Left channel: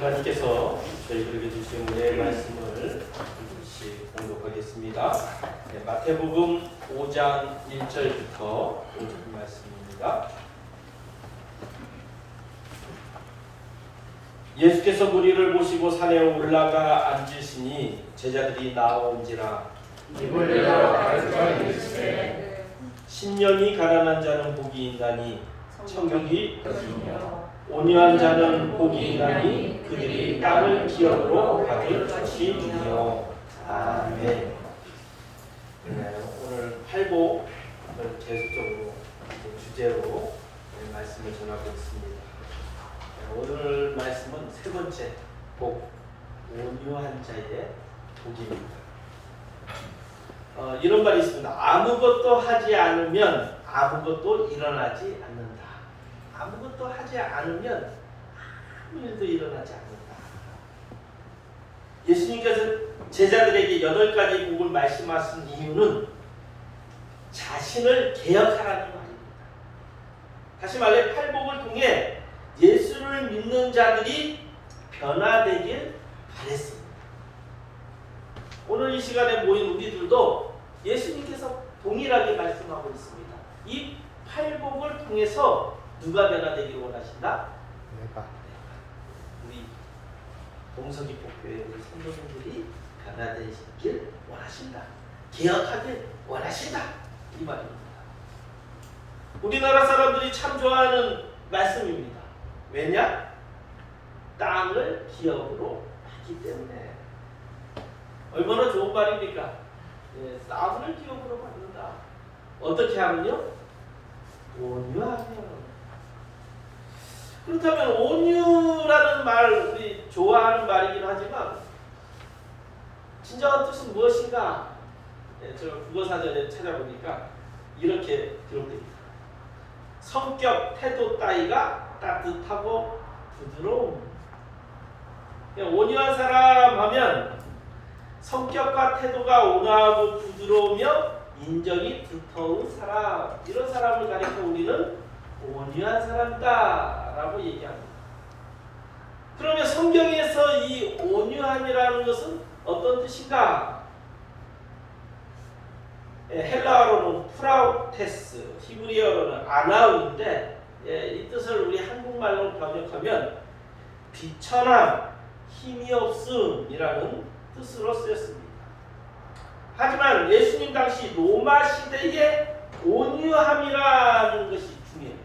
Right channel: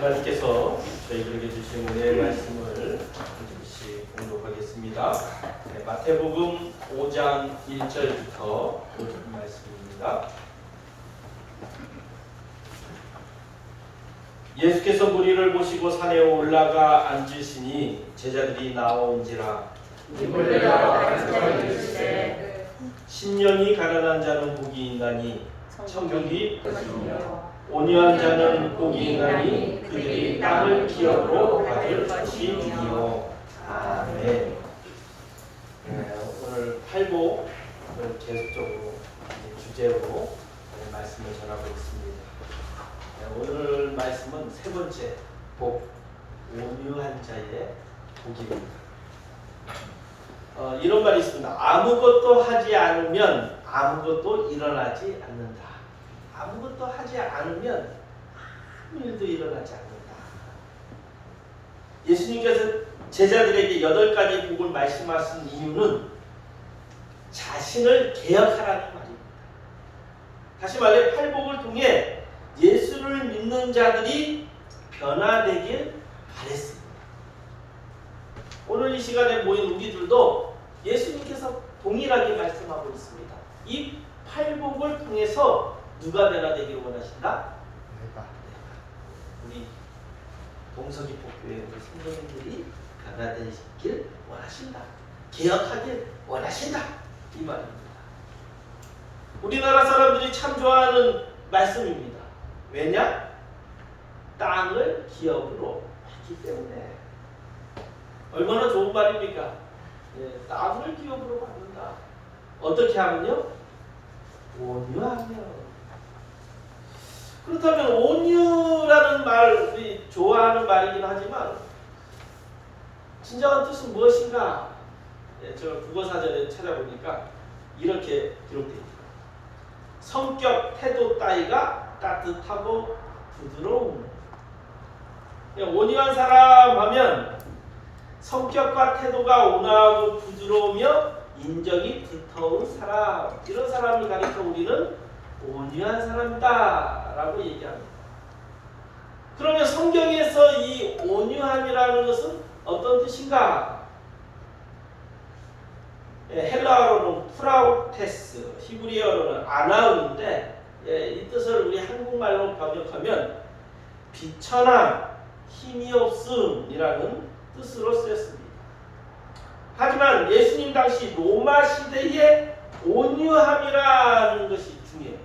하나님께서 저희들에게 주신 은혜의 말씀을 잠시 공독하겠습니다. 마태복음 5장 1절부터 5절 말씀입니다. 예수께서 무리를 보시고 산에 올라가 앉으시니 제자들이 나온지라. 심령이 가난한 자는 복이 있나니 천국이 온유한 자는 복이 있나니 그들이 땅을 기업으로 받을 것이니요. 아멘. 오늘 팔복을 계속적으로 주제로 말씀을 전하고 있습니다. 오늘 말씀은 세 번째 복, 온유한 자의 복입니다. 이런 말이 있습니다. 아무것도 하지 않으면 아무것도 일어나지 않는다. 아무것도 하지 않으면 아무 일도 일어나지 않는다. 예수님께서 제자들에게 8가지 복을 말씀하신 이유는 자신을 개혁하라는 말입니다. 다시 말해 팔복을 통해 예수를 믿는 자들이 변화되길 바랬습니다. 오늘 이 시간에 모인 우리들도 예수님께서 동일하게 말씀하고 있습니다. 이 팔복을 통해서 누가 변화되기를 원하신다? 우리 동서기폭교회 우리 성도님들이 변화되길 원하신다. 개혁하길 원하신다. 이 말입니다. 우리나라 사람들이 참 좋아하는 말씀입니다. 왜냐? 땅을 기업으로 하기 때문에. 얼마나 좋은 말입니까? 땅을 기업으로 받는다. 어떻게 하면요? 온유하며. 그렇다면 온유라는 말, 우리 좋아하는 말이긴 하지만 진정한 뜻은 무엇인가? 제가 국어사전에 찾아보니까 이렇게 기록되어 있습니다. 성격, 태도 따위가 따뜻하고 부드러움. 온유한 사람 하면 성격과 태도가 온화하고 부드러우며 인정이 두터운 사람, 이런 사람을 가리켜 우리는 온유한 사람이다 라고 얘기합니다. 그러면 성경에서 이 온유함이라는 것은 어떤 뜻인가? 헬라어로는 프라우테스, 히브리어로는 아나우인데 이 뜻을 우리 한국말로 번역하면 비천함, 힘이 없음이라는 뜻으로 쓰였습니다. 하지만 예수님 당시 로마 시대의 온유함이라는 것이 중요해요.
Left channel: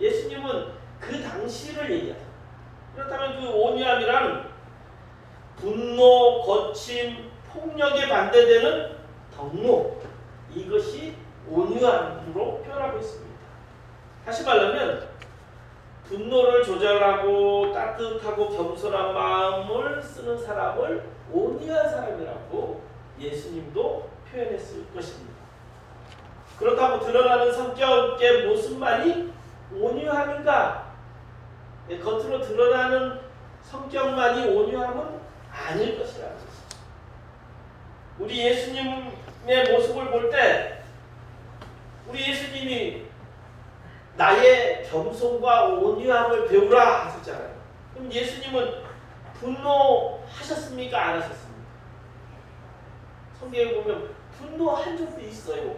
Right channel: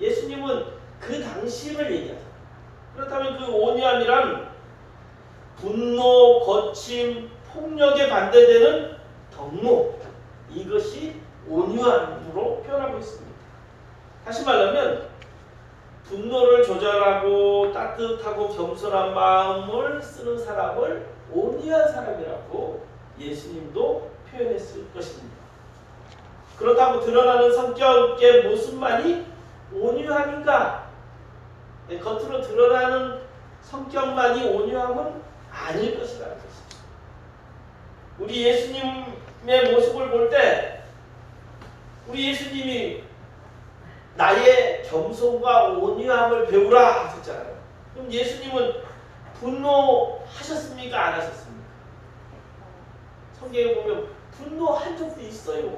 예수님은 그 당시를 얘기하죠. 그렇다면 그 온유함이란 분노, 거침, 폭력에 반대되는 덕목, 이것이 온유함으로 표현하고 있습니다. 다시 말하면 분노를 조절하고 따뜻하고 겸손한 마음을 쓰는 사람을 온유한 사람이라고 예수님도 표현했을 것입니다. 그렇다고 드러나는 성격의 모습만이 온유함인가? 겉으로 드러나는 성격만이 온유함은 아닐 것이라는 것입니다. 우리 예수님의 모습을 볼 때 우리 예수님이 나의 겸손과 온유함을 배우라 하셨잖아요. 그럼 예수님은 분노하셨습니까? 안 하셨습니까? 성경에 보면 분노한 적도 있어요.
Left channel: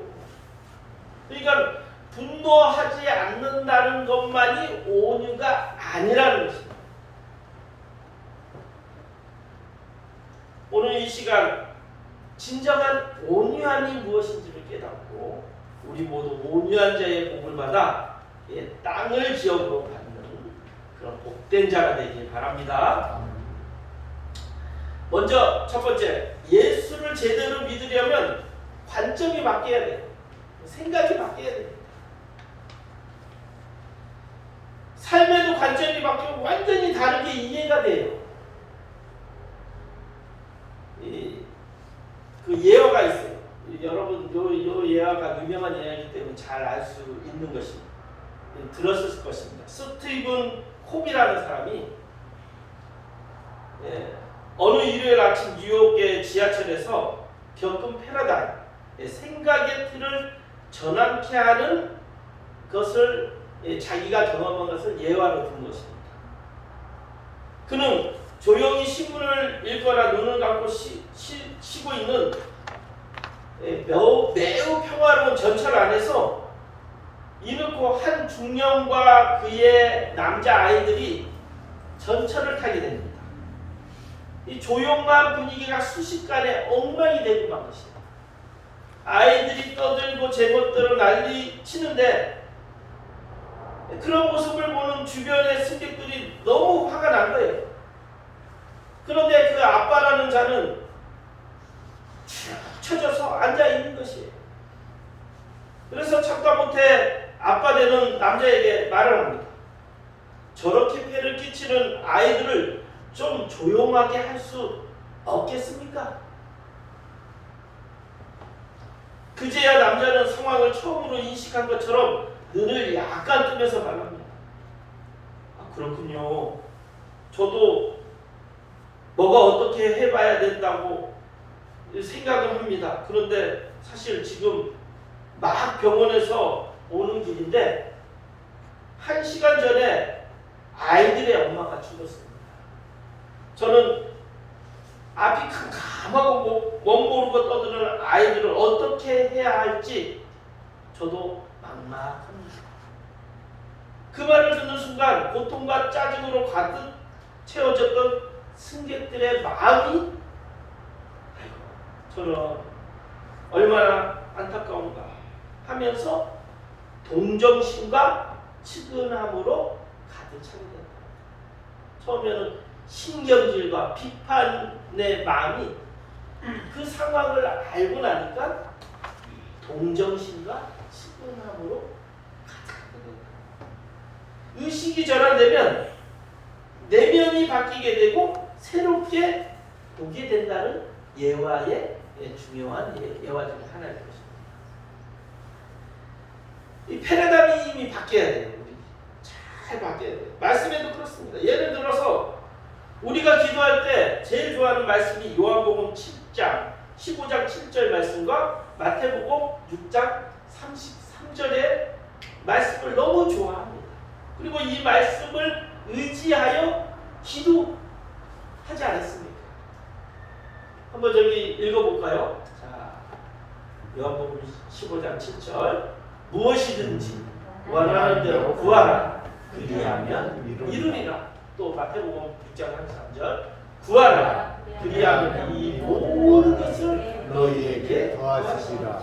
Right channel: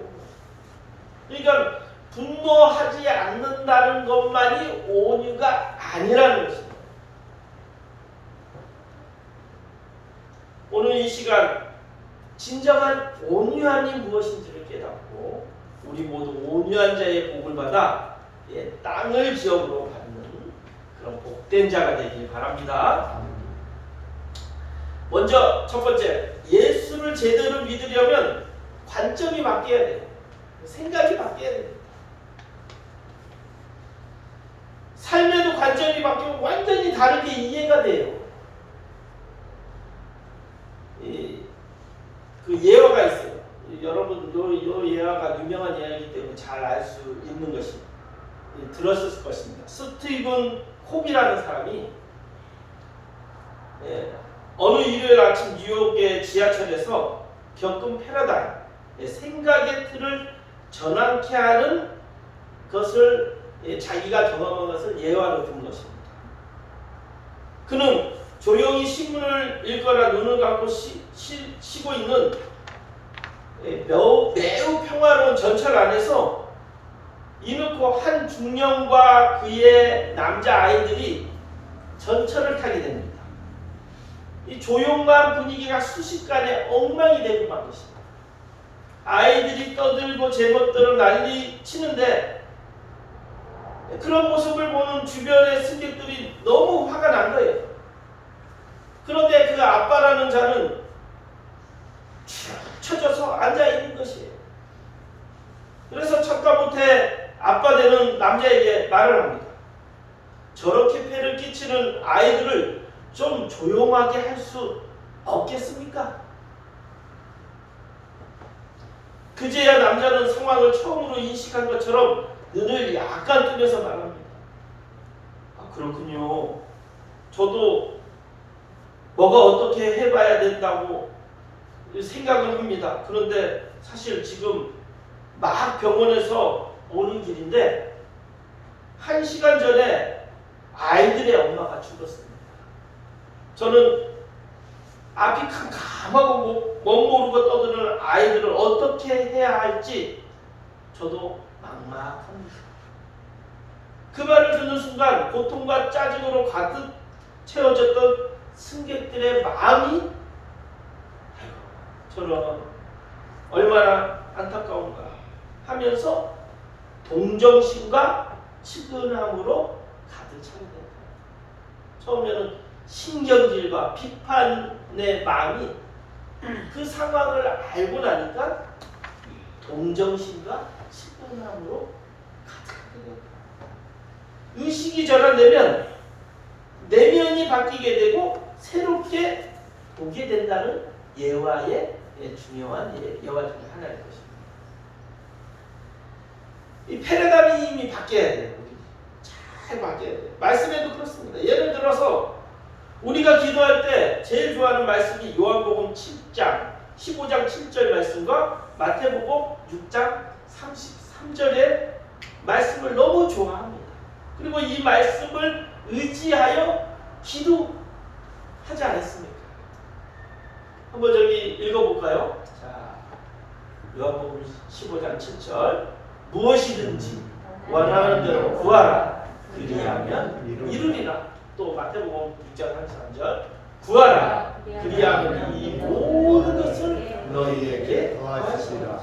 그러니까 분노하지 않는다는 것만이 온유가 아니라는 것입니다. 오늘 이 시간 진정한 온유함이 무엇인지를 깨닫고 우리 모두 온유한 자의 복을 받아 땅을 기업으로 받는 그런 복된 자가 되길 바랍니다. 먼저 첫 번째, 예수를 제대로 믿으려면 관점이 바뀌어야 돼요. 생각이 바뀌어야 돼요. 삶에도 관점이 바뀌면 완전히 다르게 이해가 돼요. 그 예화가 있어요. 여러분 요 예화가 유명한 예화이기 때문에 잘 알 수 있는 것입니다. 들었을 것입니다. 스티븐 콤이라는 사람이 어느 일요일 아침 뉴욕의 지하철에서 겪은 패러다임, 생각의 틀을 전환케 하는 것을 자기가 경험한 것을 예화로 든 것입니다. 그는 조용히 신문을 읽거나 눈을 감고 쉬고 있는 매우 평화로운 전철 안에서 이놓고 한 중년과 그의 남자 아이들이 전철을 타게 됩니다. 이 조용한 분위기가 순식간에 엉망이 되고 만 것입니다. 아이들이 떠들고 제멋대로 난리 치는데 그런 모습을 보는 주변의 승객들이 너무 화가 난 거예요. 그런데 그 아빠라는 자는 축 처져서 앉아 있는 것이에요. 그래서 척도 못해 아빠 되는 남자에게 말을 합니다. 저렇게 폐를 끼치는 아이들을 좀 조용하게 할 수 없겠습니까? 그제야 남자는 상황을 처음으로 인식한 것처럼 눈을 약간 뜨면서 말합니다. 아, 그렇군요. 저도 뭐가 어떻게 해봐야 된다고 생각을 합니다. 그런데 사실 지금 막 병원에서 오는 길인데 1시간 전에 아이들의 엄마가 죽었습니다. 저는 앞이 캄캄하고 멋모르고 떠드는 아이들을 어떻게 해야 할지 저도 막막합니다. 그 말을 듣는 순간 고통과 짜증으로 가득 채워졌던 승객들의 마음이 아이고 저런 얼마나 안타까운가 하면서 동정심과 측은함으로 가득 차게 된다. 처음에는 신경질과 비판의 마음이 그 상황을 알고 나니까 동정심과 측은함으로 가득하게 된다. 의식이 전환되면 내면이 바뀌게 되고 새롭게 보게 된다는 예화의 중요한 예화 중에 하나일 것입니다. 이 패러다임이 바뀌어야 돼요. 잘 바뀌어야 돼요. 말씀에도 그렇습니다. 예를 들어서 우리가 기도할 때 제일 좋아하는 말씀이 요한복음 7장 15장 7절 말씀과 마태복음 6장 33절의 말씀을 너무 좋아합니다. 그리고 이 말씀을 의지하여 기도하지 않았습니까? 한번 저기 읽어볼까요? 자, 요한복음 15장 7절 무엇이든지 원하는 대로 구하라 그리하면 이루리라. 또 마태복음 6장 33절 구하라 그리하면 이 모든 것을 너희에게 더하시리라.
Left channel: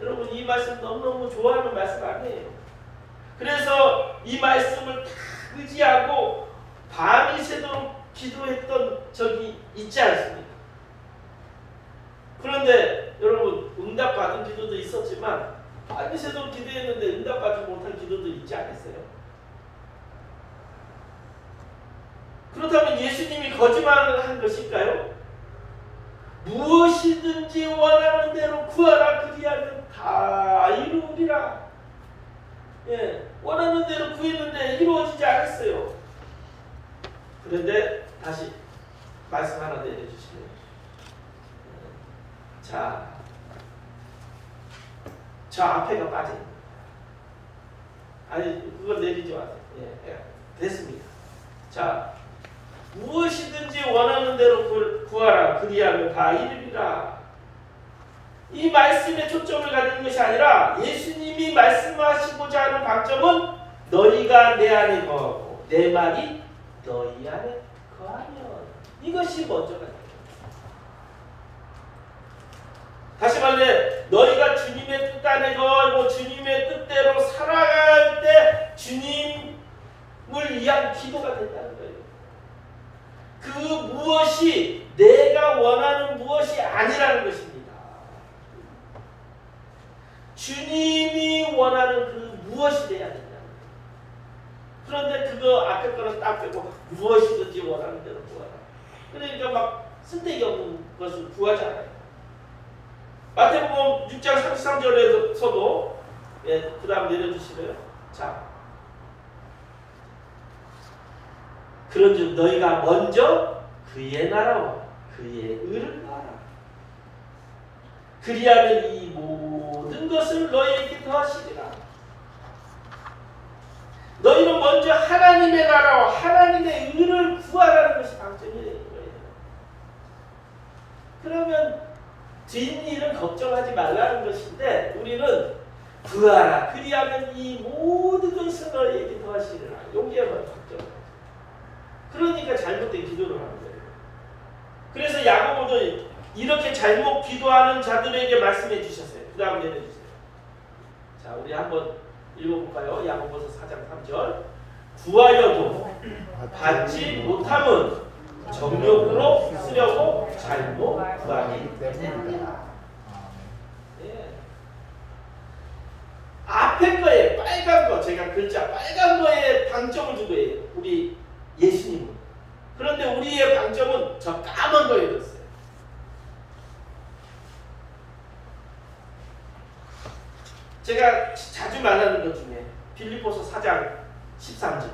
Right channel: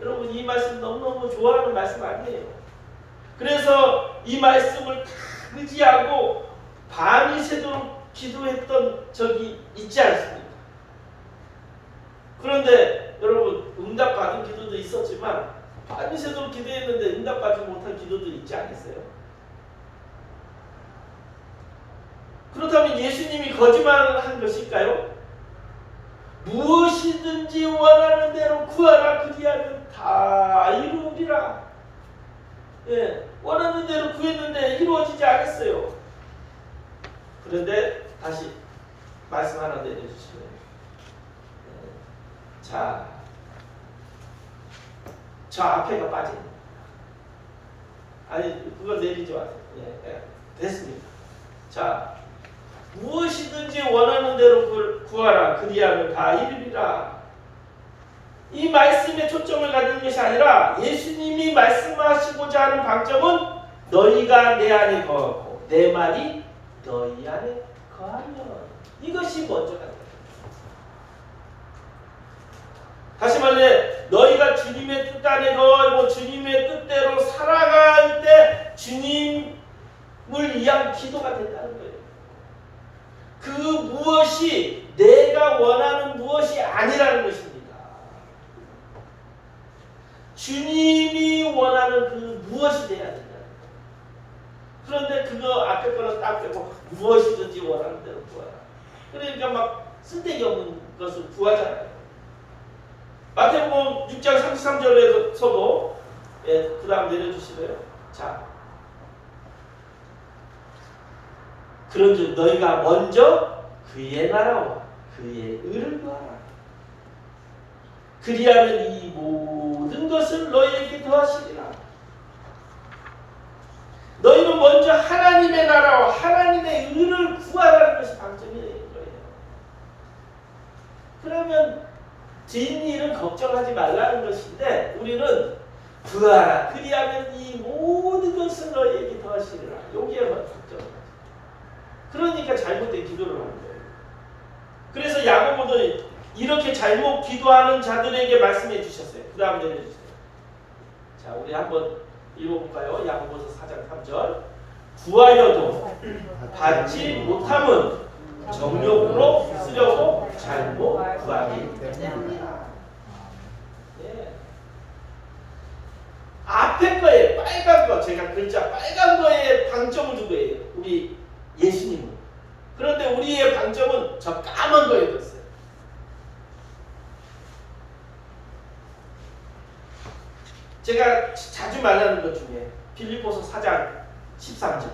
여러분 이 말씀 너무너무 좋아하는 말씀 아니에요? 그래서 이 말씀을 다 의지하고 밤이 새도록 기도했던 적이 있지 않습니까? 그런데 여러분 응답받은 기도도 있었지만 밤이 새도록 기도했는데 응답받지 못한 기도도 있지 않았어요? 그렇다면 예수님이 거짓말을 한 것일까요? 무엇이든지 원하는 대로 구하라 그리하면 다 이루리라. 예, 원하는 대로 구했는데 이루어지지 않았어요. 그런데 다시 말씀 하나 내려주시면 자, 저 앞에가 빠집니다. 아니 그걸 내리지 마세요. 예, 됐습니다. 자, 무엇이든지 원하는 대로 구하라 그리하면 다 이루리라. 이 말씀에 초점을 가지는 것이 아니라 예수님이 말씀하시고자 하는 방점은 너희가 내 안에 거하고 내 말이 너희 안에 거하면 이것이 먼저가 됩니다. 다시 말해 너희가 주님의 뜻 안에 거하고 주님의 뜻대로 살아갈 때 주님을 위한 기도가 된다는 거예요. 그 무엇이 내가 원하는 무엇이 아니라는 것입니다. 주님이 원하는 그 무엇이 돼야 된다는 거예요. 그런데 그거 앞에 거는 딱 빼고 무엇이든지 원하는 대로 구하라. 그러니까 막 쓸데기 없는 것을 구하잖아요. 마태복음 6장 33절에서도 그 다음 내려주시래요. 자, 그런즉 너희가 먼저 그의 나라와 그의 의를 구하라. 그리하면 이 모든 것을 너희에게 더하시리라. 너희는 먼저 하나님의 나라와 하나님의 의를 구하라는 것이 방점이에요. 그러면 뒷일은 걱정하지 말라는 것인데 우리는 구하라. 그리하면 이 모든 것을 너희에게 더하시리라. 여기에만 걱정을 하죠. 그러니까 잘못된 기도를 하는 거예요. 그래서 야고보도 이렇게 잘못 기도하는 자들에게 말씀해 주셨어요. 그 다음 내려주세요. 자, 우리 한번 읽어볼까요? 야고보서 4장 3절. 구하여도 받지 못함은 정욕으로 쓰려고 잘못 구하기 때문이라. 예. 앞에 거에 빨간 거, 제가 글자 빨간 거에 방점을 두고 해요. 우리 예수님은. 그런데 우리의 방점은 저 까만 거에 뒀어요. 제가 자주 말하는 것 중에 빌립보서 4장 13절.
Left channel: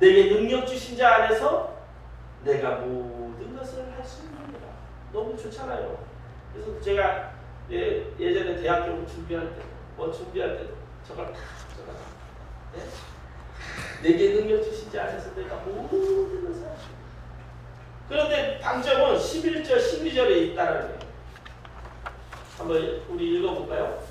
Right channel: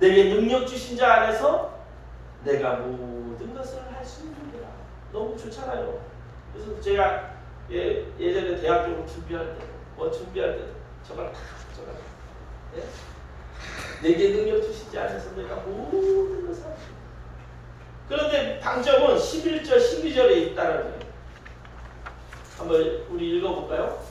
내게 능력 주신 자 안에서 내가 모든 것을 할 수 있느니라. 너무 좋잖아요. 그래서 제가 예전에 대학교 준비할 때, 준비할 때도 저걸 다 적어놔. 예? 내게 능력 주신 자 안에서 내가 모든 것을 할 수 있느니라. 그런데 방점은 11절, 12절에 있다는 거예요. 한번 우리 읽어볼까요?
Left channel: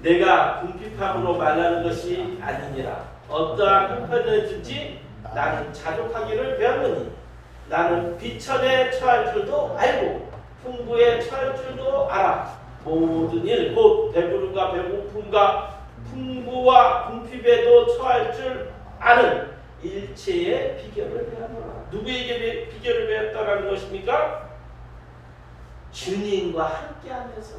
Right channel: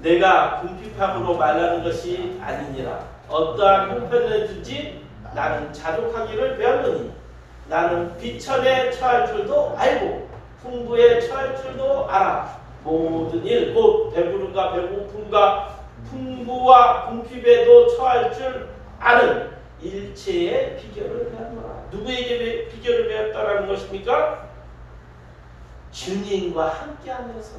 내가 궁핍함으로 말하는 것이 아니니라. 어떠한 형편이든지 나는 자족하기를 배웠느니 나는 비천에 처할 줄도 알고 풍부에 처할 줄도 알아. 모든 일, 곧 배부름과 배고픔과 풍부와 궁핍에도 처할 줄 아는 일체의 비결을 배웠노라. 누구에게 비결을 배웠다라는 것입니까? 주님과 함께하면서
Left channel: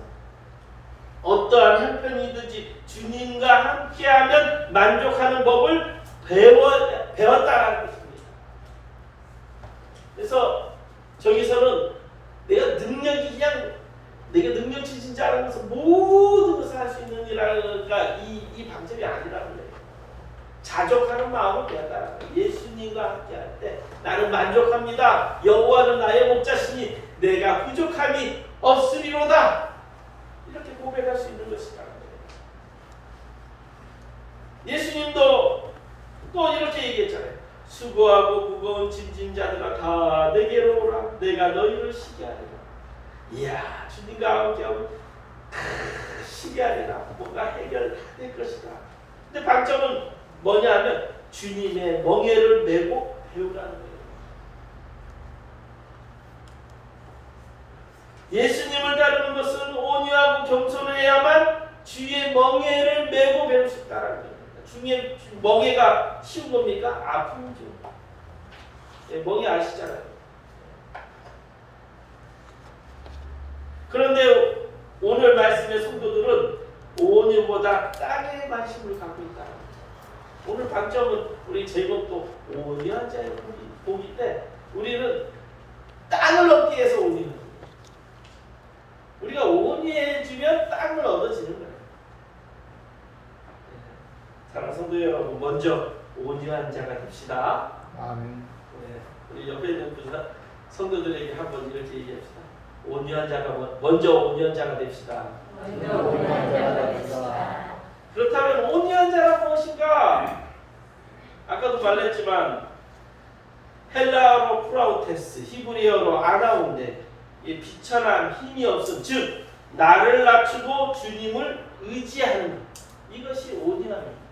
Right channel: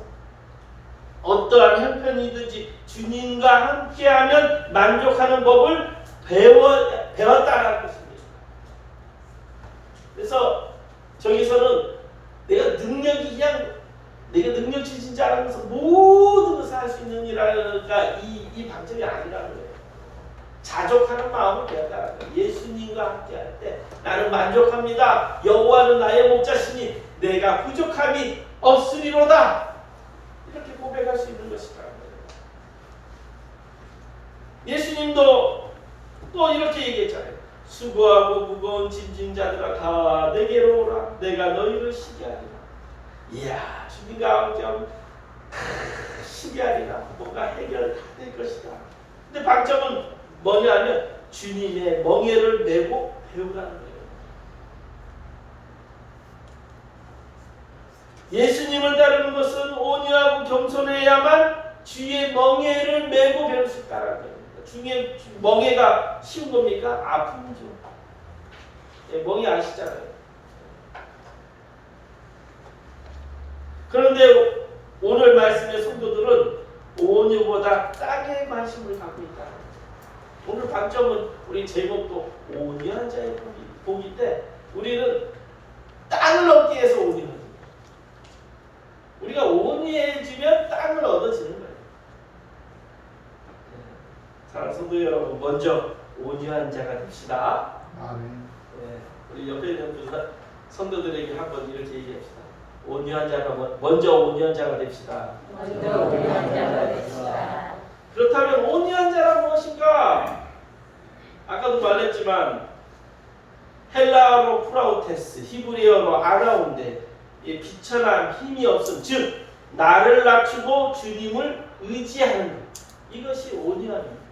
어떠한 형편이든지 주님과 함께하면 만족하는 법을 배웠다라는 것입니다. 그래서 저기서는 내가 능력 주신 자 안에서 모든 것을 할 수 있는 이라가 이 방점이 아니라는 거예요. 자족하는 마음을 배웠다라는 거예요. 예수님과 함께할 때 나는 만족합니다. 여호와는 나의 목자시니 내가 부족함이 없으리로다. 이렇게 고백할 수 있는 것이라는 거예요. 예수님도 또 이렇게 얘기했잖아요. 수고하고 무거운 짐진 자들아 다 내게로 오라. 내가 너희를 쉬게 하리라. 이야, 주님과 함께하면 쉬게 하리라. 뭔가 해결 다 될 것이다. 근데 방점은 뭐냐면 주님의 멍에를 메고 배우라는 거예요. 예수님을 따르는 것은 온유하고 겸손해야만 주의 멍에를 메고 배울 수 있다는 거예요. 주의 멍에가 쉬운 겁니까? 아픔이죠. 멍에 아시잖아요. 그런데 오늘 말씀의 성도들은 온유보다 땅에 관심을 갖고 있다는 거예요. 오늘 방점은 우리 제목도 온유한 자의 복이 때 우리는 땅을 얻기 위해서 온유합니다. 우리가 온유해지면 땅을 얻어지는 거예요. 사랑하는 성도 여러분, 먼저 온유한 자가 됩시다. 아멘. 네, 우리 옆에 있는 성도들에게 한번 이렇게 얘기합시다. 온유한 자가 먼저 온유한 자가 됩시다. 그렇다면 온유한 자란 무엇인가? 아까도 말했지만 헬라어로 프라우테스, 히브리어로 아나운데 비천함, 힘이 없음, 즉 나를 낮추고 주님을 의지하는 것. 이것이 온유함입니다.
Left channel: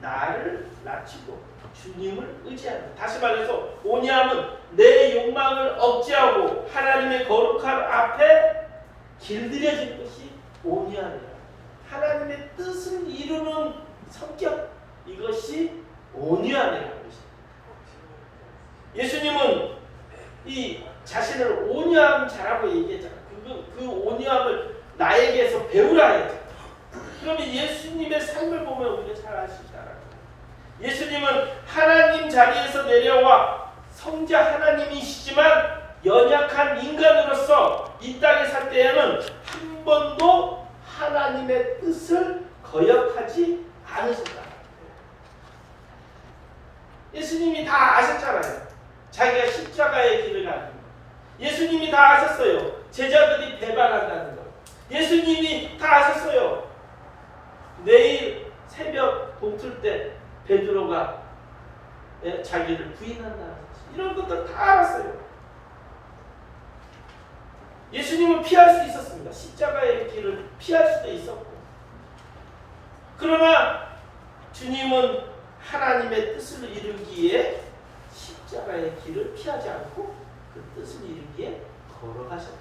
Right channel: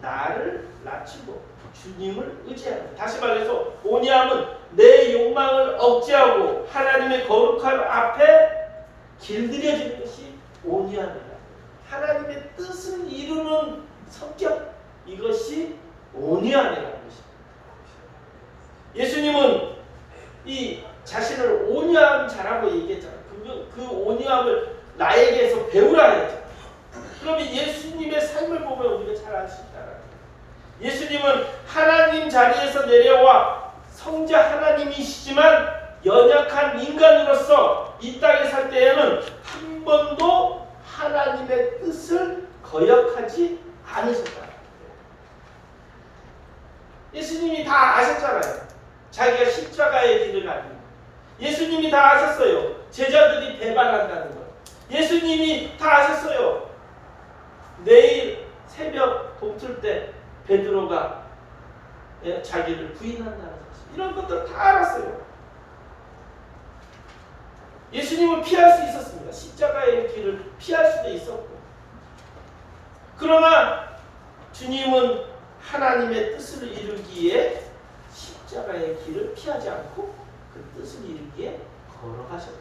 나를 낮추고 주님을 의지하는 것. 다시 말해서 온유함은 내 욕망을 억제하고 하나님의 거룩한 앞에 길들여지는 것이 온유함이다. 하나님의 뜻을 이루는 성격, 이것이 온유함이라는 것입니다. 예수님은 이 자신을 온유한 자라고 얘기했잖아요. 그 온유함을 나에게서 배우라 했잖아요. 그러면 예수님의 삶을 보면 우리가 잘 알 수 있다는 거예요. 예수님은 하나님 자리에서 내려와 성자 하나님이시지만 연약한 인간으로서 이 땅에 살 때에는 한 번도 하나님의 뜻을 거역하지 않으셨다는 거예요. 예수님이 다 아셨잖아요. 자기가 십자가의 길을 가는 거. 예수님이 다 아셨어요. 제자들이 배반한다는 거. 예수님이 다 아셨어요. 내일 새벽 동틀 때 베드로가 자기를 부인한다는 사실, 이런 것들을 다 알았어요. 예수님은 피할 수 있었습니다. 십자가의 길을 피할 수도 있었고, 그러나 주님은 하나님의 뜻을 이루기에 십자가의 길을 피하지 않고 그 뜻을 이루기에 걸어가셨다.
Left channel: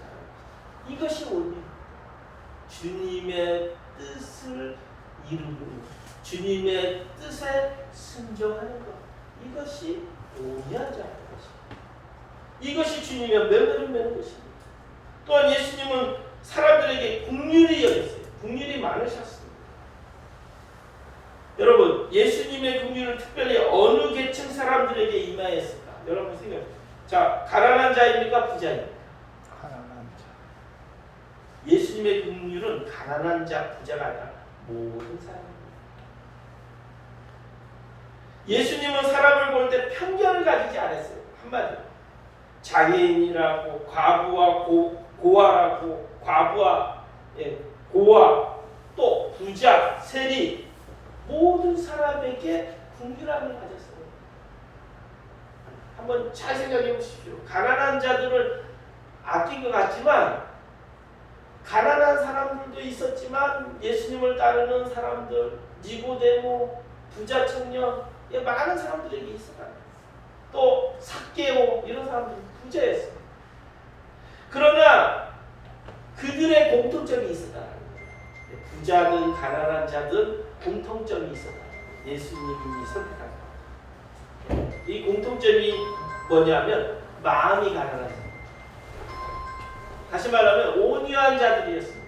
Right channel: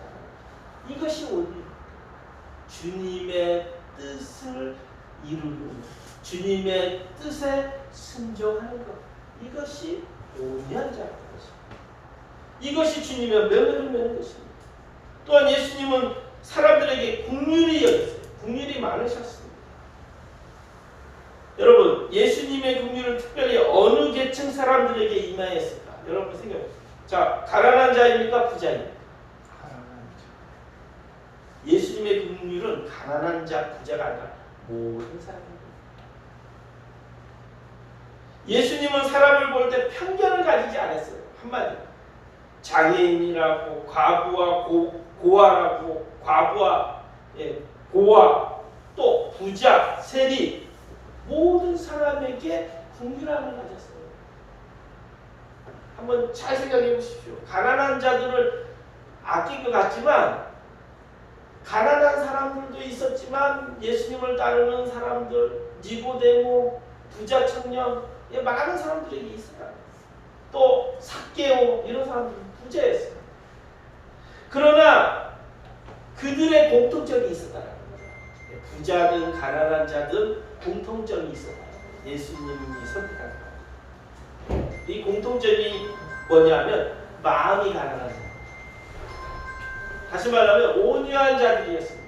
이것이 오늘 주님의 뜻을 이루는, 주님의 뜻에 순종하는 것, 이것이 온유한 자라는 것입니다. 이것이 주님의 명을 매는 것입니다. 또한 예수님은 사람들에게 긍휼히 여겼어요. 긍휼이 많으셨습니다. 여러분, 예수님의 긍휼은 특별히 어느 계층 사람들에게 임하였을까? 여러분 생각해보세요. 자, 가난한 자입니까? 부자입니까? 예수님의 긍휼은 가난한 자, 부자가 아니라 모든 사람입니다. 예수님은 사람을 볼 때 편견을 가지지 않았어요. 한마디로 장애인이라고, 과부와 고아라고, 과부와 고아, 또 부자, 세리, 모든 사람에게 긍휼함을 가졌어요. 한번 잘 생각해 보십시오. 가난한 자들을 아낀 것 같지만, 가난한 사람들도 있었지만 예수님을 따르는 사람들, 니고데모, 부자 청년, 많은 사람들에게 있었다. 또 삭개오, 이런 사람들은 부자였어요. 그러나 그들의 공통점이 있었다는 거예요. 부자든 가난한 자든 공통점이 있었다는 거예요. 예수님이 선택한 사람. 이 공통점이 뭐냐면 마음이 가난한 사람. 다시 말하면 온유한 자들이었습니다.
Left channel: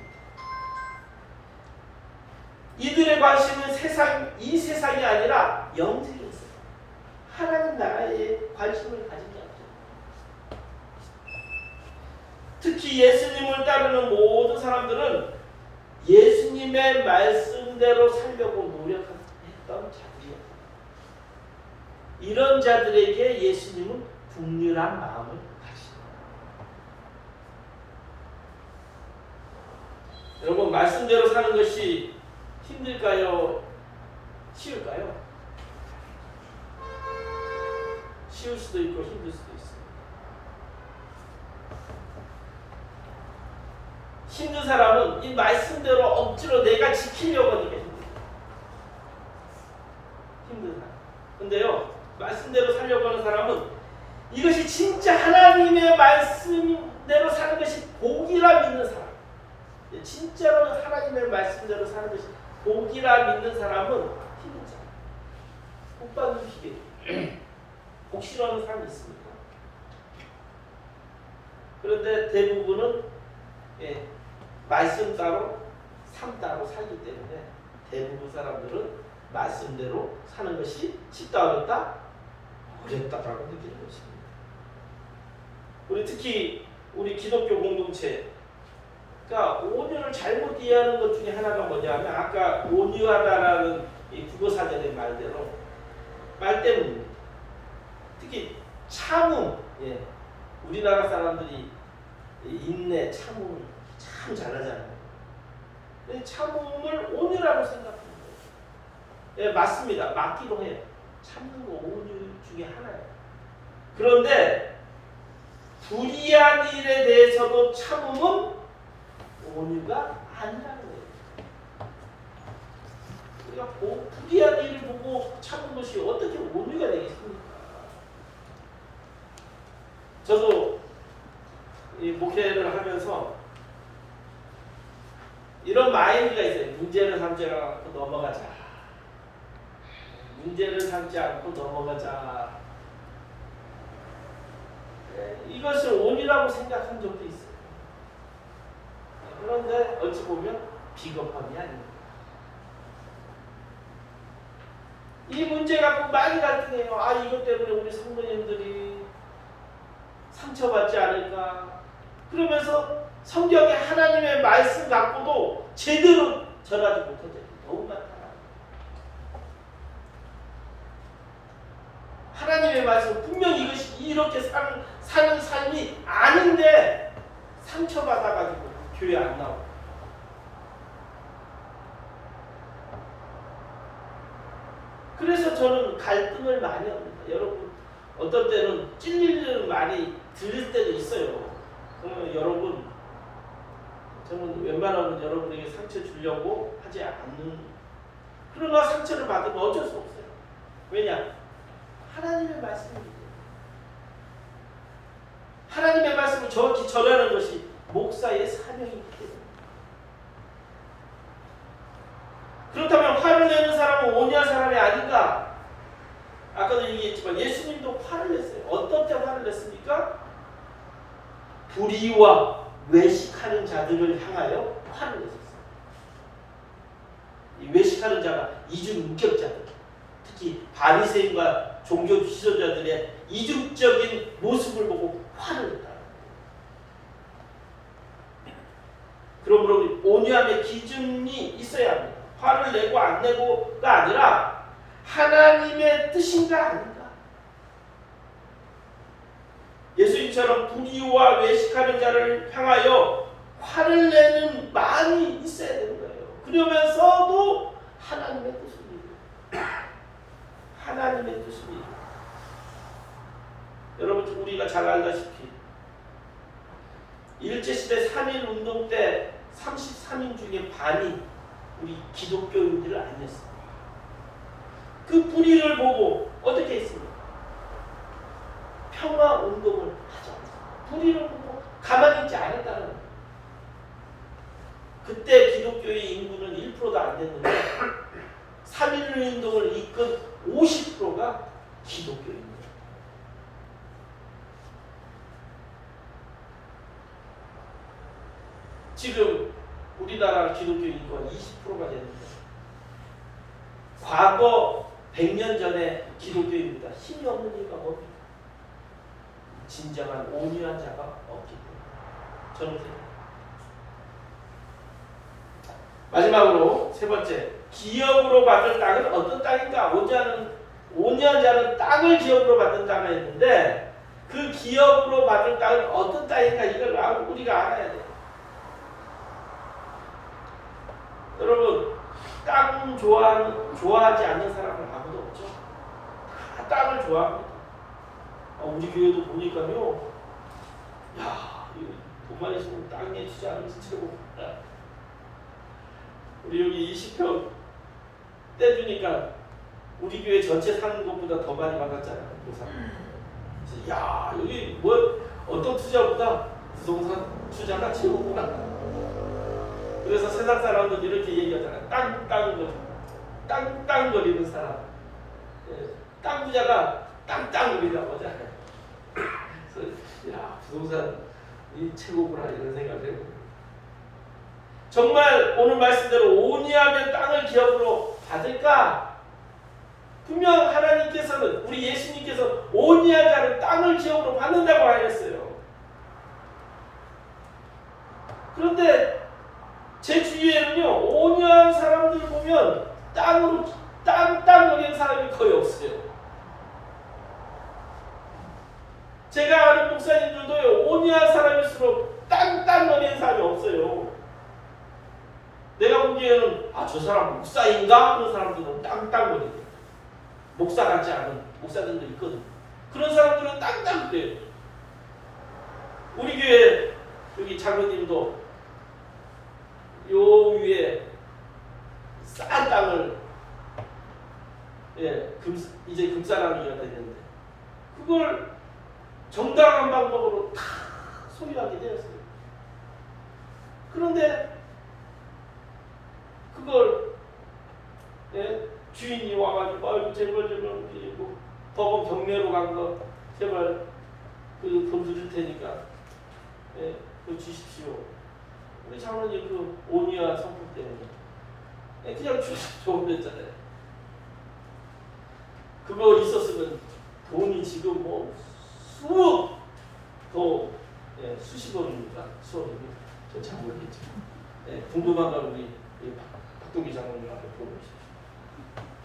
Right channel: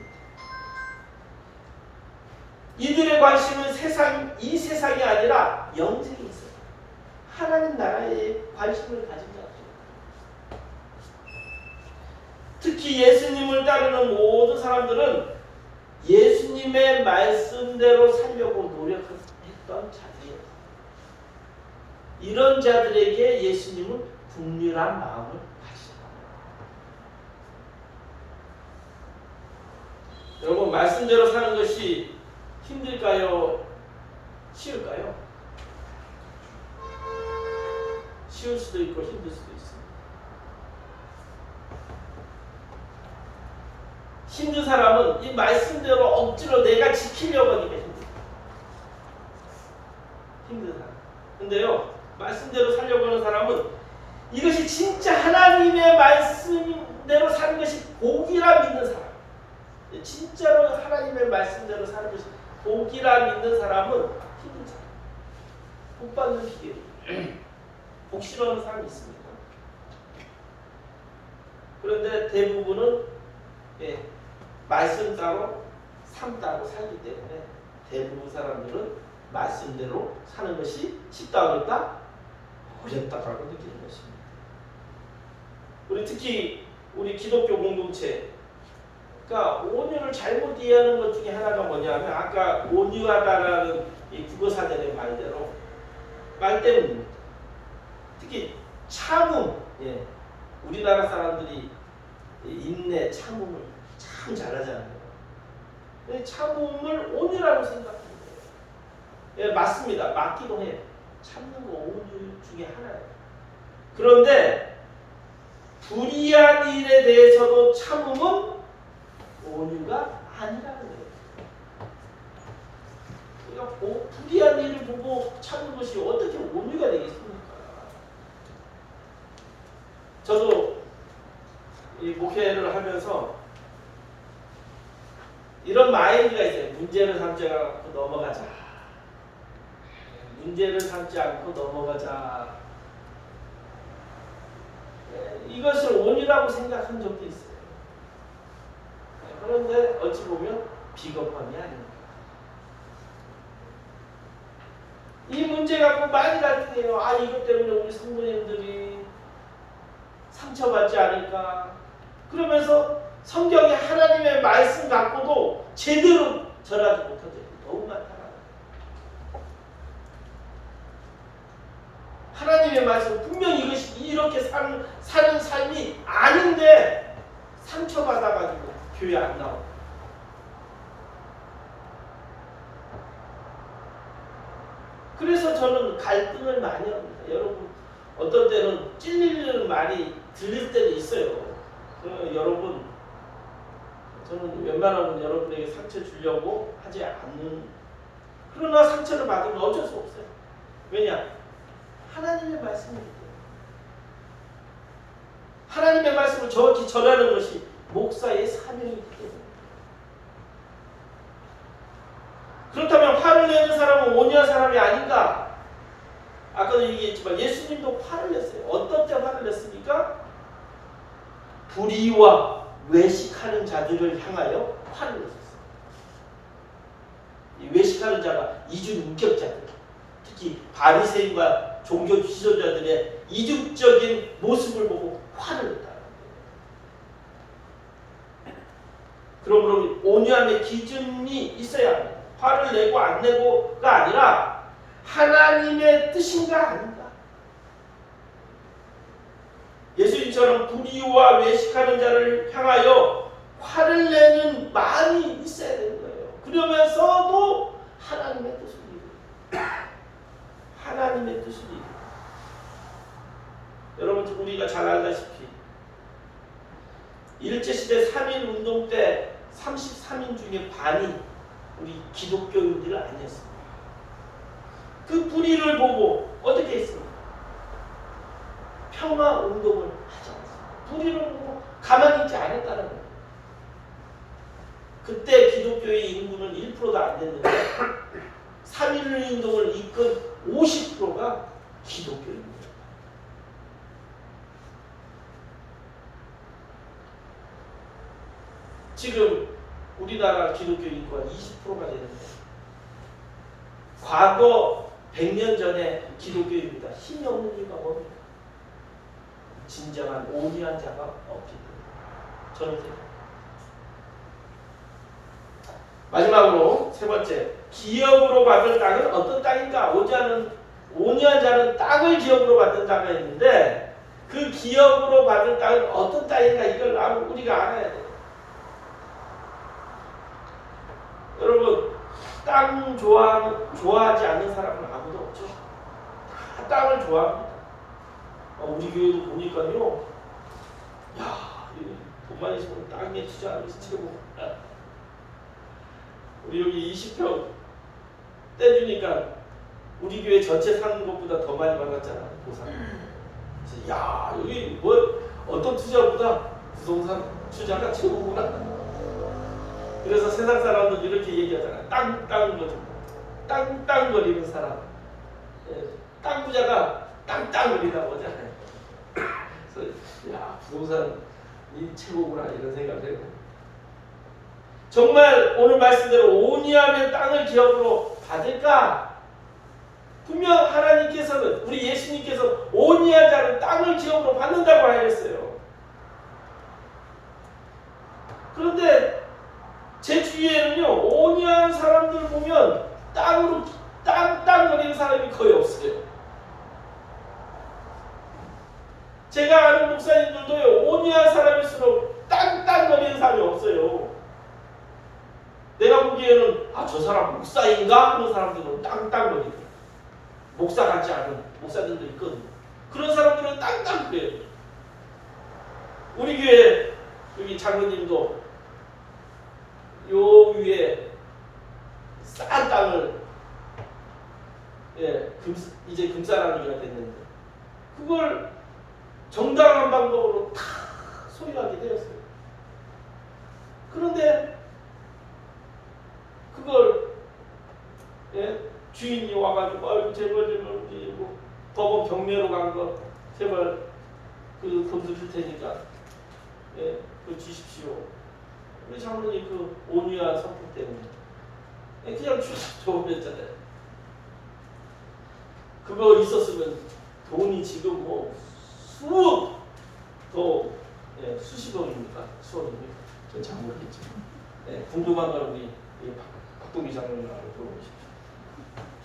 이들의 관심은 이 세상이 아니라 영생에 있었다. 하나님 나라에 관심을 가진 자들입니다. 특히 예수님을 따르는 모든 사람들은 예수님의 말씀대로 살려고 노력했던 자들이었다. 이런 자들에게 예수님은 긍휼한 마음을 가지셨다. 여러분, 말씀대로 사는 것이 힘들까요? 쉬울까요? 쉬울 수도 있고 힘들 수도 있습니다. 힘든 사람은 이 말씀대로 억지로 내가 지키려고 하니까 힘들어요. 힘든 사람. 근데요, 말씀대로 살려고 하는 사람은 이것이 진짜 하나님의 말씀대로 사는 것이 복이라 믿는 사람, 진짜로 하나님의 말씀대로 사는 것이 복이라 믿는 사람은 힘든 사람, 복 받는 기회, 복 싫어하는 사람이 있습니다. 그런데 대부분은 말씀 따로 삶 따로 살기 때문에 대부분 사람들은 말씀대로 사는 것이 쉽다 어렵다? 어렵다라고 느끼는 것입니다. 특히 우리 기독교 공동체, 그러니까 온유를 잘못 이해하는 것 중에 하나가 뭐냐면 아까 온유하다라는 이 국어사전의 말 때문입니다. 특히 참음, 우리나라 사람들이 인내, 참음을 참 잘하잖아요. 참음을 온유라고 생각합니다. 맞습니다. 맞기도 해요. 참는 거 온유 중에 하나예요. 그런데 불의한 일에 대해서도 참음은 온유가 아니라는 거예요. 그러니까 불의한 일을 보고 참는 것이 어떻게 온유가 되겠습니까? 저도 이 목회를 하면서 이런 마인드가 있어요. 문제를 삼지 않고 넘어가자. 문제를 삼지 않고 넘어가자. 이것을 온유라고 생각한 적도 있어요. 그런데 어찌 보면 비겁함이 아닙니다. 이 문제 갖고 많이 갈등해요. 이것 때문에 우리 성도님들이 상처받지 않을까. 그러면서 성경의 하나님의 말씀 갖고도 제대로 절하지 못하죠. 너무 많다. 하나님의 말씀 분명히 이것이 이렇게 사는 삶이 아닌데 상처받아가지고 교회 안 나오고. 그래서 저는 갈등을 많이 합니다. 여러분 어떤 때는 찔리는 말이 들릴 때도 있어요. 여러분 저는 웬만하면 여러분에게 상처 주려고 하지 않는, 그러나 상처를 받으면 어쩔 수 없어요. 왜냐? 하나님의 말씀이기 때문에. 하나님의 말씀을 정확히 전하는 것이 목사의 사명이기 때문에. 그렇다면 화를 내는 사람은 온유한 사람이 아닌가? 아까도 얘기했지만 예수님도 화를 냈어요. 어떤 때 화를 냈습니까? 불의와 외식하는 자들을 향하여 화를 냈었어요. 이 외식하는 자가 이중인격자들, 특히 바리새인과 종교 지도자들의 이중적인 모습을 보고 화를 냈다. 그러므로 온유함의 기준이 있어야 합니다. 화를 내고 안 내고가 아니라 하나님의 뜻인가 아닌가. 예수님처럼 불의와 외식하는 자를 향하여 화를 내는 마음이 있어야 되는 거예요. 그러면서도 하나님의 뜻을 이루어요. 하나님의 뜻을 이루어요. 여러분 우리가 잘 알다시피 일제시대 3.1운동 때 33인 중에 반이 우리 기독교인들 아니었습니다. 그 불의를 보고 어떻게 했습니까? 평화운동을 하지 않았습니다. 불의를 보고 가만히 있지 않았다는 거예요. 그때 기독교의 인구는 1%도 안 됐는데 3.1운동을 이끈 50%가 기독교입니다. 지금 우리나라 기독교 인구가 20%가 되는데 과거 100년 전에 기독교입니다. 힘이 없는 이유가 뭡니까? 진정한 온유한 자가 없기 때문에. 저는 생각합니다. 마지막으로 세 번째, 기업으로 받을 땅은 어떤 땅인가? 온유한 자는 땅을 기업으로 받는 자가 있는데 그 기업으로 받을 땅은 어떤 땅인가? 이걸 우리가 알아야 돼요. 여러분 땅 좋아하지 않는 사람은 아무도 없죠. 다 땅을 좋아합니다. 우리 교회도 보니까요, 야, 돈만 있으면 땅에 투자하는 것이 최고. 우리 여기 20평 떼주니까 우리 교회 전체 사는 것보다 더 많이 받았잖아요. 보상. 그래서 야, 여기 뭐 어떤 투자보다 부동산 투자가 최고구나. 그래서 세상 사람들 이렇게 얘기하잖아요. 땅땅거리는 사람. 땅 부자가 땅땅거린다고 하잖아요. 그래서 야, 부동산이 최고구나 이런 생각을 해요. 정말 오늘 말씀대로 온유하며 땅을 기업으로 받을까? 분명 하나님께서는, 우리 예수님께서 온유한 자는 땅을 기업으로 받는다고 하셨어요. 그런데 제 주위에는요, 온유한 사람들 보면 땅으로 땅거리는 사람이 거의 없어요. 제가 아는 목사님들도요, 온유한 사람일수록 땅거리는 사람이 없어요. 내가 보기에는 저 사람 목사인가 하는 사람들은 땅거리는, 목사 같지 않은 목사들도 있거든요. 그런 사람들은 땅거려요. 우리 교회 여기 장로님도 요 위에 싼 땅을 이제 금싸라기가 됐는데 그걸 정당한 방법으로 다 소유하게 되었어요. 그런데 그걸 주인이 와가지고 제발 뭐 법원 경매로 간 거 제발 그 돈 드릴 테니까 그거 주십시오. 우리 장로님 그 온유한 성품 때문에 그냥 줘버렸잖아요. 그거 있었으면 돈이 지금 뭐 수억 더 수십억입니까? 수억입니까? 전 잘 모르겠죠. 궁금한 건 우리 박동기 장로님한테 물어보십시오.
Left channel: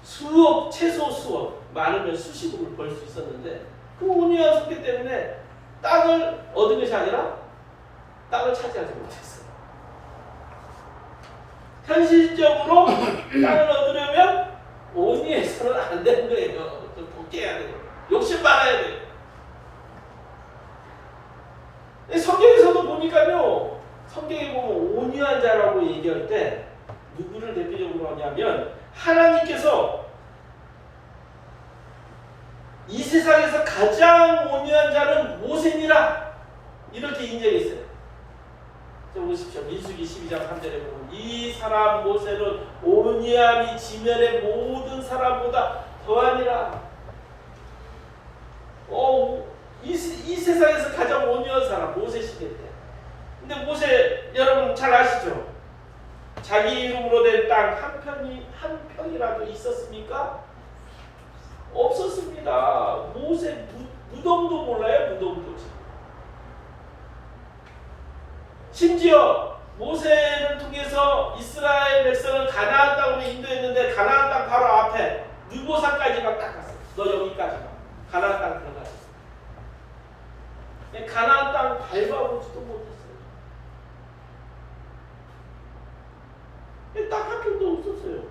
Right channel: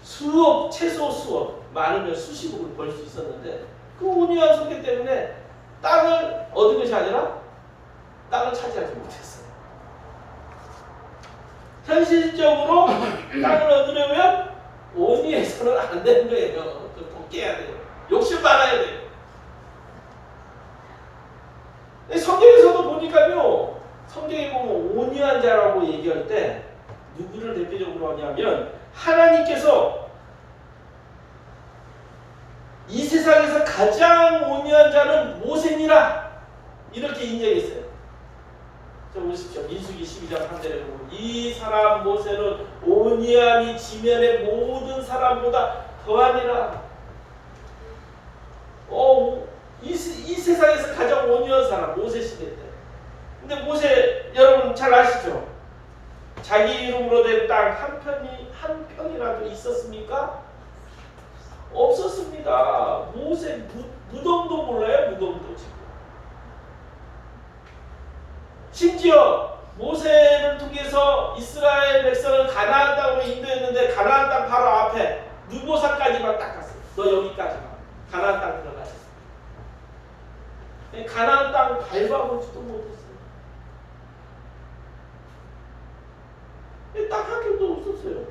수억, 최소 수억, 많으면 수십억을 벌 수 있었는데 그 온유한 성격 때문에 땅을 얻은 것이 아니라 땅을 차지하지 못했어요. 현실적으로 땅을 얻으려면 온유해서는 안 되는 거예요. 좀 독해야 돼요. 욕심 많아야 돼요. 성경에서도 보니까요, 성경에 보면 온유한 자라고 얘기할 때 누구를 대표적으로 하냐면 하나님께서 이 세상에서 가장 온유한 자는 모세니라 이렇게 인정했어요. 자, 보십시오. 민수기 12장 3절에 보면 이 사람 모세는 온유함이 지면의 모든 사람보다 더하니라. 이 세상에서 가장 온유한 사람 모세 시대 때. 근데 모세 여러분 잘 아시죠? 자기 이름으로 된 땅 한 편이라도 있었습니까? 없었습니다. 모세 무덤도 몰라요. 무덤도 지금. 심지어 모세를 통해서 이스라엘 백성을 가나안 땅으로 인도했는데 가나안 땅 바로 앞에 느보산까지만 딱 갔어요. 너 여기까지 가. 가나안 땅 들어가지. 가나안 땅 밟아보지도 못했어요. 딱 한 편도 없었어요.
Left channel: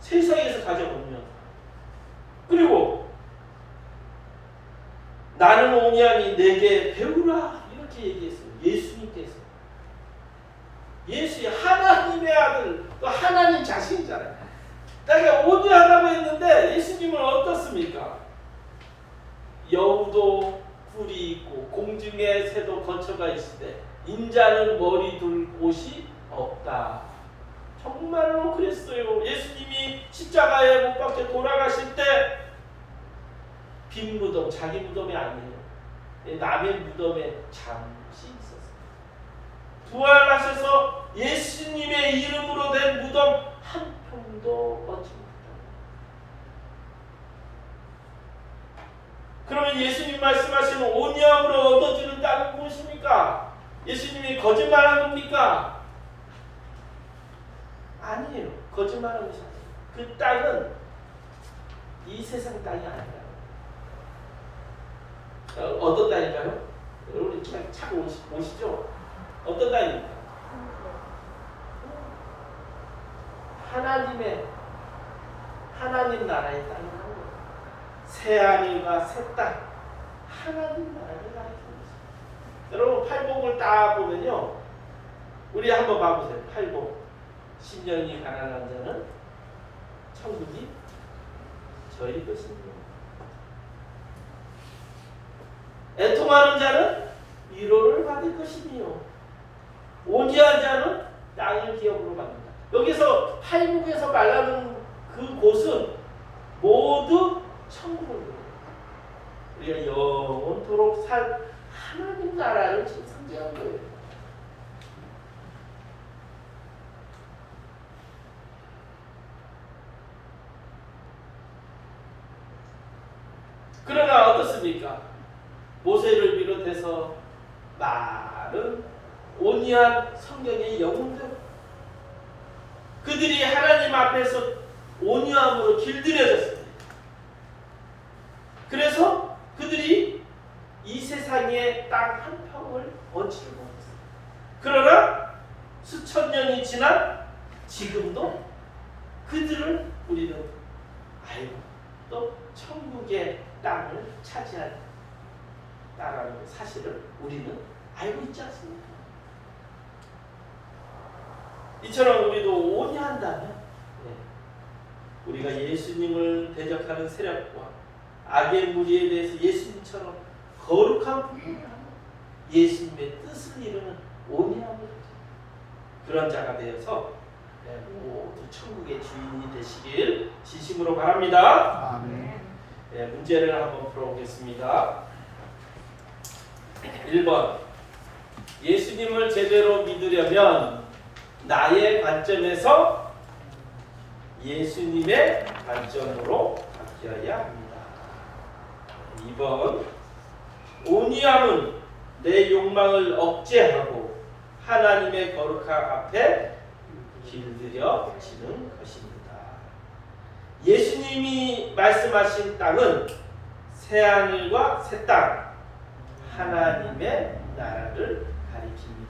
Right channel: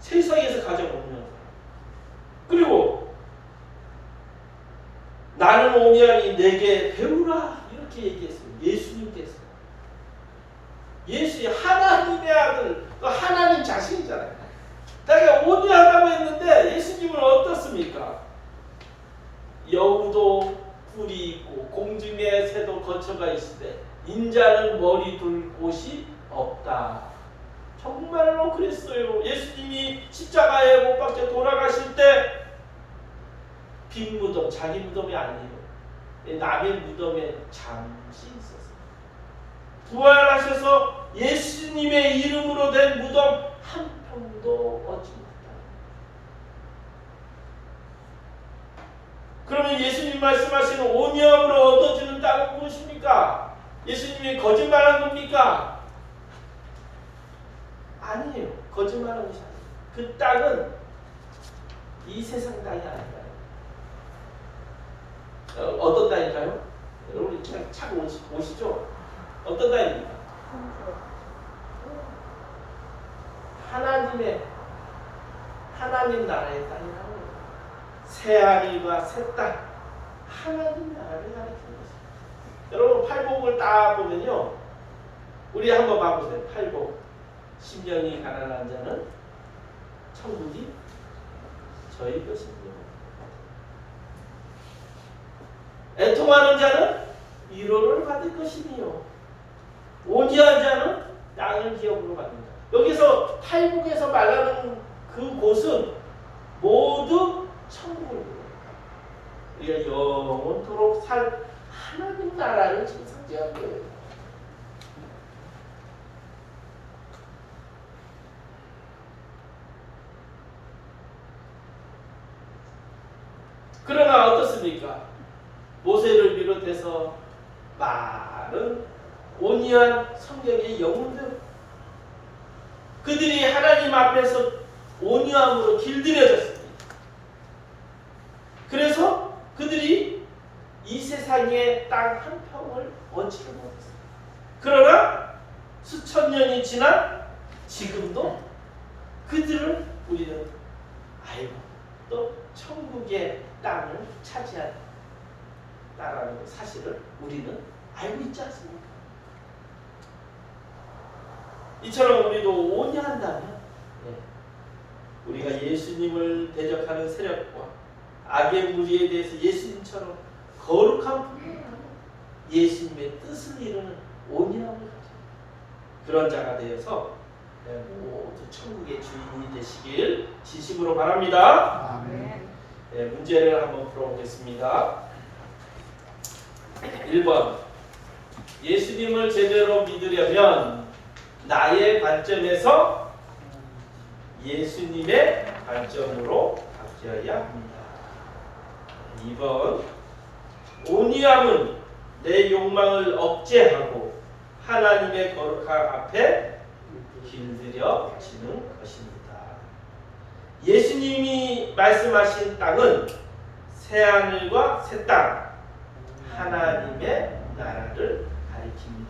세상에서 가장 온유한 사람. 그리고 나는 온유하니 내게 배우라 이렇게 얘기했어요. 예수님께서. 예수의 하나님의 아들, 또 하나님 자신이잖아요. 그러니까 온유하다고 했는데 예수님은 어떻습니까? 여우도 뿔이 있고 공중의 새도 거처가 있을 때 인자는 머리 둘 곳이 없다. 정말로 그랬어요. 예수님이 십자가에 못 박혀 돌아가실 때 빈 무덤, 자기 무덤이 아니에요. 남의 무덤에 잠시 있었어요. 부활하셔서 예수님의 이름으로 된 무덤 한 평도 얻지 못했다. 그러면 예수님 말씀하시는 온유함으로 얻어주는 땅은 무엇입니까? 예수님이 거짓말한 겁니까? 아니에요. 거짓말한 것이 아니에요. 그 땅은 이 세상 땅이 아니라 어떤 땅일까요? 여러분 그냥 착 오시죠? 어떤 땅입니까? 하나님 나라의 땅이라는 거예요. 새하늘과 새 땅, 하나님 나라를 가리키는 것입니다. 여러분 팔복을 딱 보면요, 우리 한번 봐보세요. 팔복. 10년이 가난한 자는 천국이 저희 것입니다. 애통하는 자는 위로를 받을 것이며 온유한 자는 땅을 기업으로 받는다. 여기서 팔복에서 말하는 그 곳은 모두 천국입니다. 우리가 영원토록 살 하나님 나라를 지금 상징한 거예요. 그러나 어떻습니까? 모세를 비롯해서 많은 온유한 성경의 영웅들, 그들이 하나님 앞에서 온유함으로 길들여졌습니다. 그래서 그들이 이 세상의 땅 한 평을 얻지를 못했습니다. 그러나 수천 년이 지난 지금도 그들을 우리는 알고 또 천국의 땅을 차지한다라는 사실을 우리는 알고 있지 않습니까? 이처럼 우리도 온유한다면 우리가 예수님을 대적하는 세력과 악의 무리에 대해서 예수님처럼 거룩한 분별하는 예수님의 뜻을 이루는 온유함을 가지고 그런 자가 되어서 모두 천국의 주인이 되시길 진심으로 바랍니다. 아멘. 문제를 한번 풀어보겠습니다. 1번, 예수님을 제대로 믿으려면 나의 관점에서 예수님의 관점으로 바뀌어야 합니다. 2번, 온유함은 내 욕망을 억제하고 하나님의 거룩함 앞에 길들여지는 것입니다. 예수님이 말씀하신 땅은 새하늘과 새 땅, 하나님의 나라를 가리킵니다.